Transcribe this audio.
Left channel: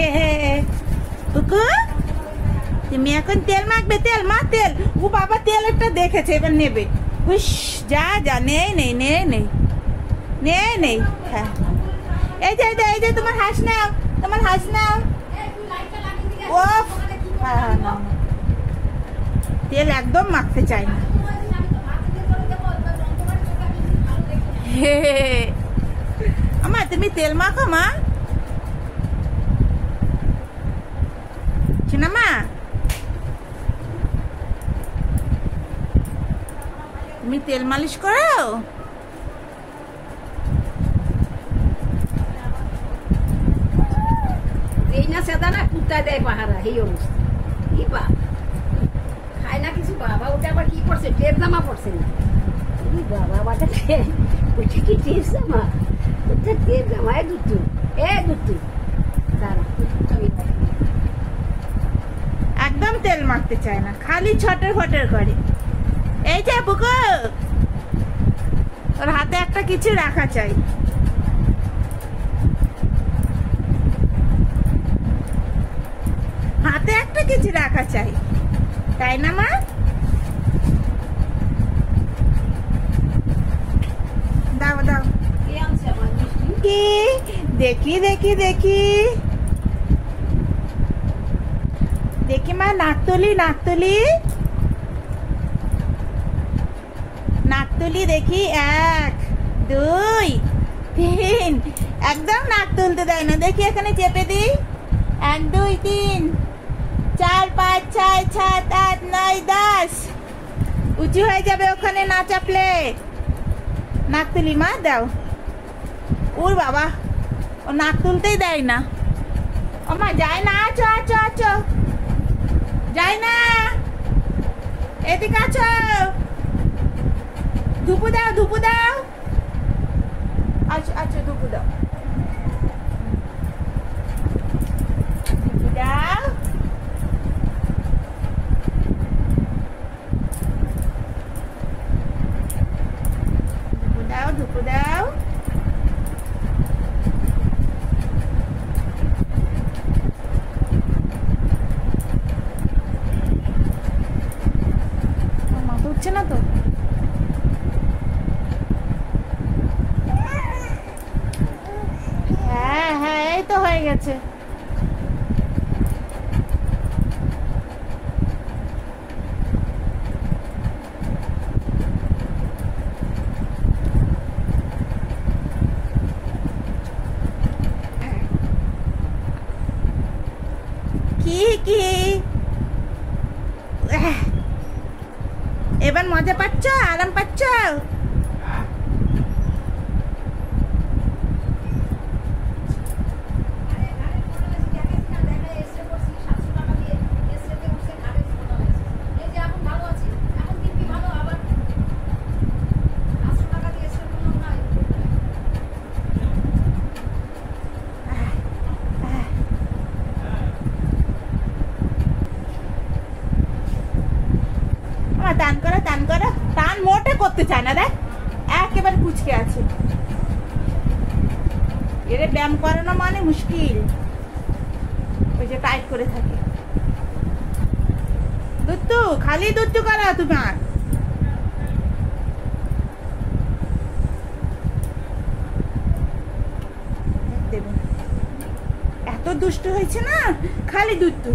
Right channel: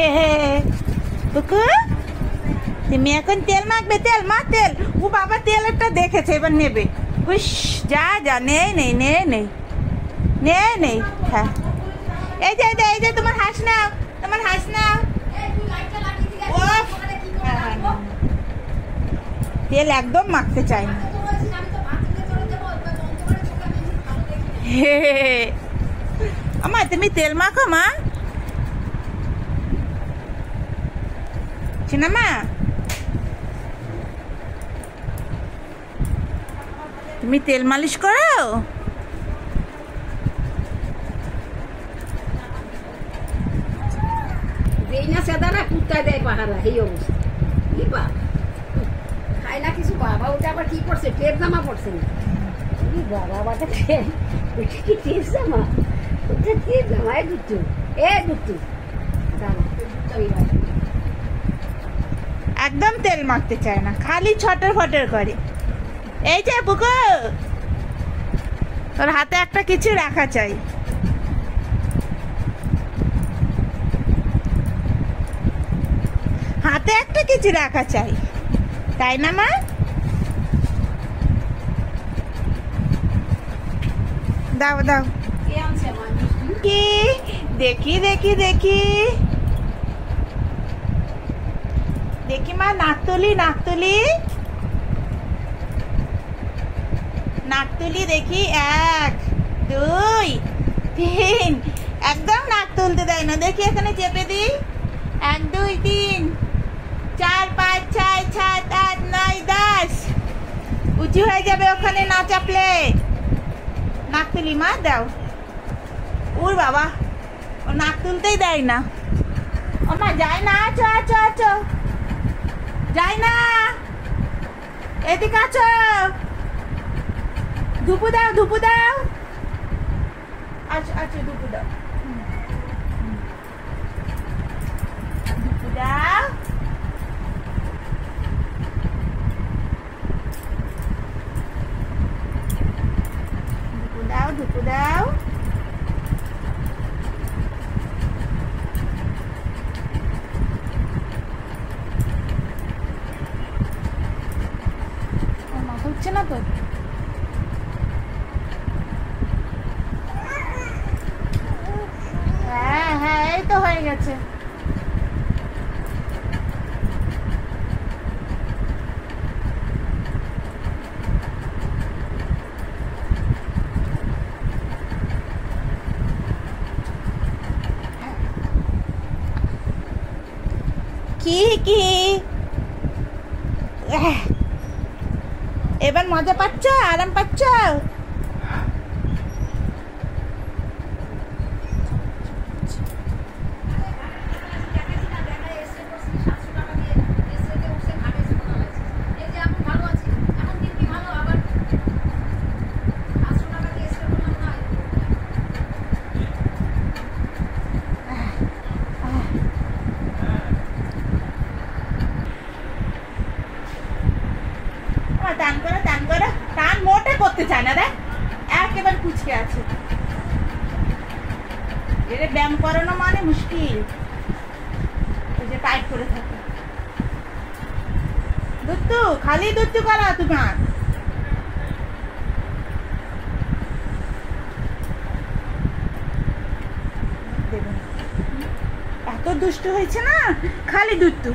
হে হে কুকু তুমি এখন তেল মাখবে? তেল মা তেল। ও বাবা তেল একটা দেখেছে, এবার নেবে। হুস যা যা, নেই নেই নেই নেই নেই নেই। হ্যাঁ এই যে এই যে তোমার হাঁস নাও, তোমার হাঁস নাও। ও হ্যাঁ হ্যাঁ না, তেল একদম মাখতে চাই না। আমা তুমি তেল মাখো মা। মা তুমি তেল মালিশ করো? এই না সেদা না কুত্তায় দেয় পাহারা, এই অবস্থা। কি বা খায় না কিছু। বাবা ওটা আবার কি করছে, টেপ জামা পড়ছে না। বাবা ওটা ওইটা কি টেপ জামা? ওটা টেপ জামা। এ দুটু দাঁড়া, একদম তেল মাখতে চায় না, খালি ছটর ফটর করে। এই যে বুকু, তোর হাতে একটা কিছু রাখা চাই। হাতে একটা কিছু রাখা চাই, তাই না মা? দাও দাও। কি দেখি দেখি দেখি দেখি মা, নাকতলি নাকতলি নাকতলি দেখি। 1 2 3, একদম নাক তুলতে দেয় না। দেখি এখানে চেপে দিই। 1 2 3 4 5 6 7 8 9 10। উঁচু হয়ে যাবে ওখানে না চাপলে। নাক তুলি মা, দাও। ওর বাবা, ও নাক তুলতেই দেয় না। ও মা যায় না, আছো আছো আছো, যায় না। এদিকে আছো, ধুপু দাও ধুপু দাও। আচ্ছা আচ্ছা ধুপু দাও, ধুপু দাও। ধুপু দাও ধুপু দাও। মাথা উঠছে না তো? হ্যাঁ হ্যাঁ এই তো হয়ে গেছে। কি কি এবার মজা পাচ্ছ, আরাম পাচ্ছ? টান করো টান করো। টান মোটে করতে চায় না রে, একেবারে কুচকে আছে। এর ব্যায়াম করানো মানে মুশকিল। ওই যে টাইট করে থাকে। দুত্তু খালি দুত্তু করা তোমার। এত দুষ্টু হয়েছে না, খালি দুত্তু।